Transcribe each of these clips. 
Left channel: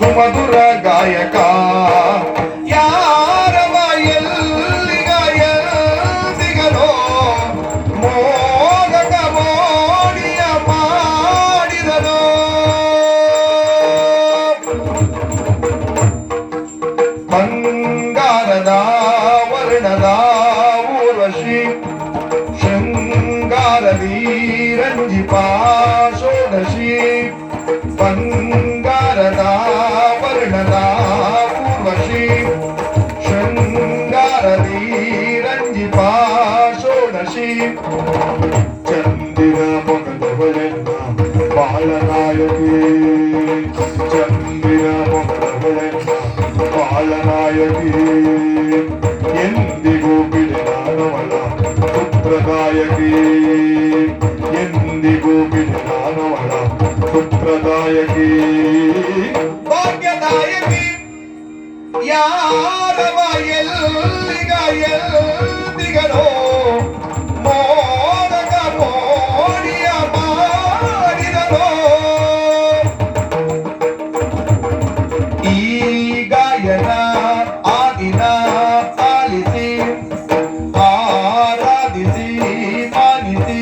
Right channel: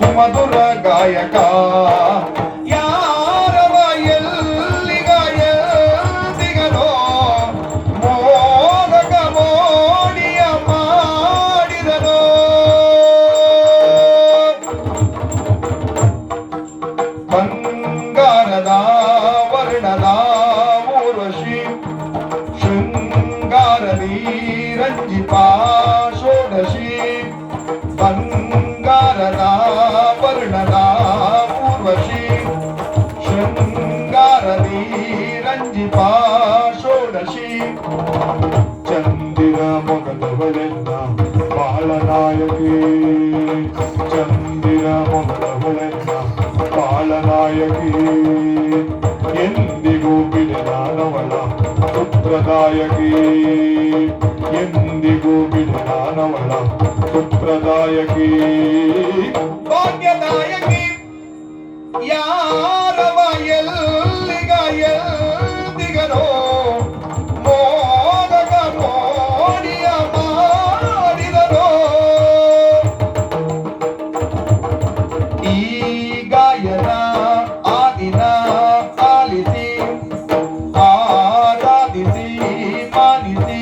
ಸುಮಧುರ ಗಾಯಕ ಯಾರವ ಎಲ್ಲಿಗ ಎಲ್ಲಿಗನೋ ಮೋದಕ ಮೋಡಿಯ ಮಾಡಿದನು ಬಂಗಾರದ ವರ್ಣದ ಊರ್ವಶಿ ಶೃಂಗಾರದಿ ರಂಜಿಪ ಷೋಡಶಿ ಬಂಗಾರದ ಷೋಡಶಿ ಚಂದಿರ ಮೊಗದವಳೆನ್ನ ಬಾಳ ನಾಯಕಿ ಚಂದಿರ ಮೊಗದವಳೆನ್ನ ಬಾಳ ನಾಯಕಿ ಎಂದಿಗೂ ಬಿಡಲಾನವಳ ಪುತ್ರದಾಯಕಿ ಎಂದಿಗೂ ಬಿಡಲಾನವಳ ಪುತ್ರದಾಯಕಿ ಭಾಗ್ಯದಾಯಕಿ ಯಾರವ ಎಲ್ಲಿಗ ఈగాయన ఆగిన ఆలిసి ఆరాధిసి మానిసి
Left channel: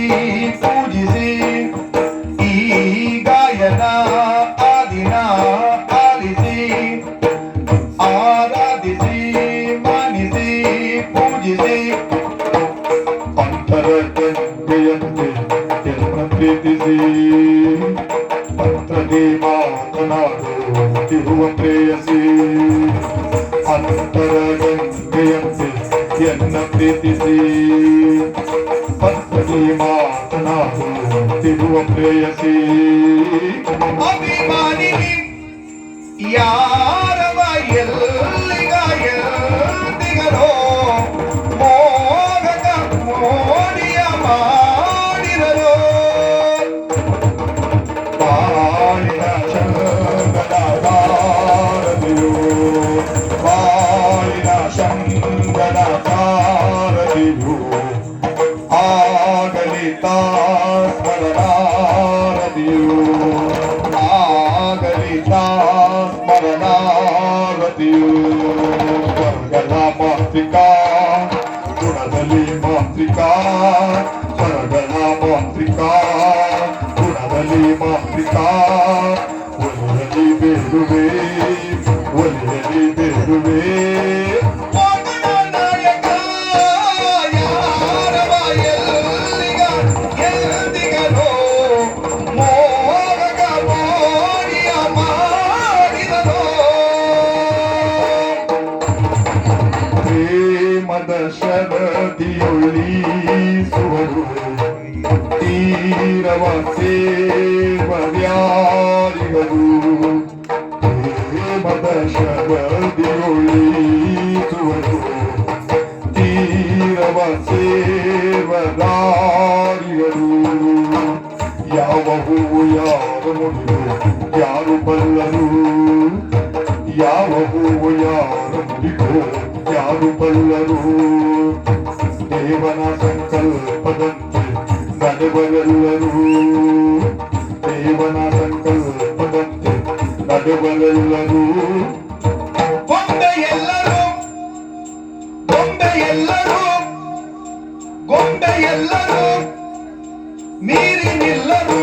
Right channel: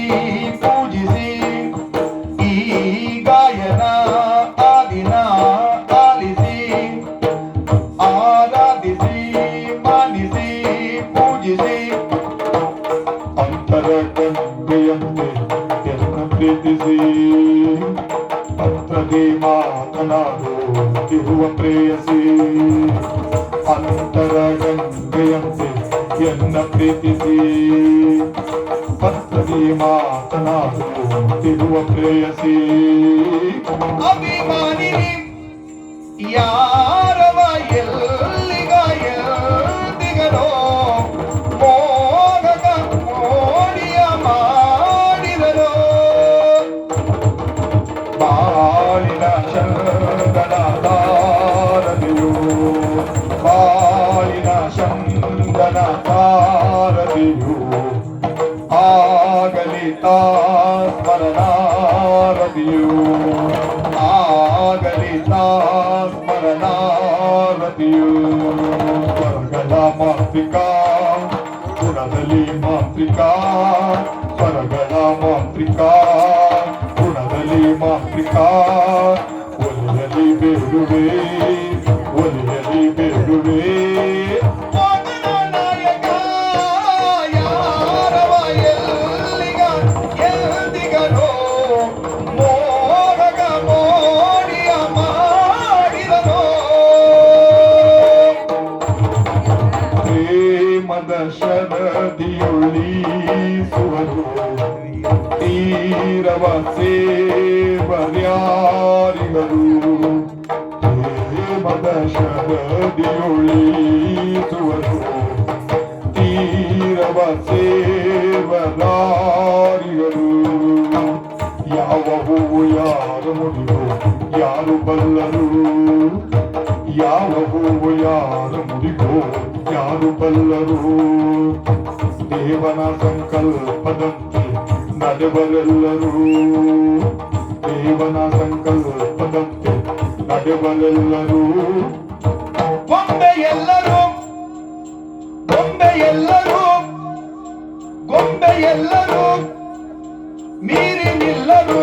ಮಾತನಾಡುವ ಪ್ರೇಯಸಿ. ಅಂತರ ಗಂಗೆಯಂತೆ ಎನ್ನ ಪ್ರೀತಿಸಿ. ಪತ್ನಿ ಮಾತನಾಡುವ ಪ್ರೇಯಸಿ. ಅಭಿಮಾನಿ ಯಾರವ ಎಲ್ಲ ಶಂಕರ ಭಾರತಿಯು ಆಗಲಿತ ಸ್ಮರಣಾರತಿಯು ಆಗಲಿತ ಸ್ಮರಣಾರತಿಯು ಸ್ವರ್ಗದ ಮಾತೃಕಾ ಗುಣದಲ್ಲಿ ಮಾತೃಕಾ ಸ್ವರ್ಗದ ಮಾತೃಕಾ ಗುಣದಲ್ಲಿ ಮಾತೃಕಾ ಒಲಿಯಲಿ ಬೇಡುವೆ ಶರದಿಯೊಳಿಸುವರು ತೀರವ ಸೇವರ್ಯಾರಿಗರು ಪ್ರೇಮದ ಶರದಿಯೊಳಿಸುವರು ತೀರವ ಸೇವದಾರಿಗರು ಯಾವ ಹೂವು ಯಾರ ಮುಡಿದು ಯಾರು ಬಲ್ಲರು ಯಾವ ಹೂವು ಯಾರ ಮುಡಿದೋ ಯಾರು ಬಲ್ಲರು ದೇವನ ಸಂಕಲ್ಪದಂತೆ ನಡೆವರೆಲ್ಲರೂ ದೇವನ ಸಂಕಲ್ಪದಂತೆ ನಡೆವರೆಲ್ಲರೂ ಗೊಂಬೆ ಎಲ್ಲರೂ ಗೊಂಬೆ ಎಲ್ಲರೂ ಗೊಂಬೆ ಎಲ್ಲರೂ ಮೀರಿ ನಿಲ್ಲರು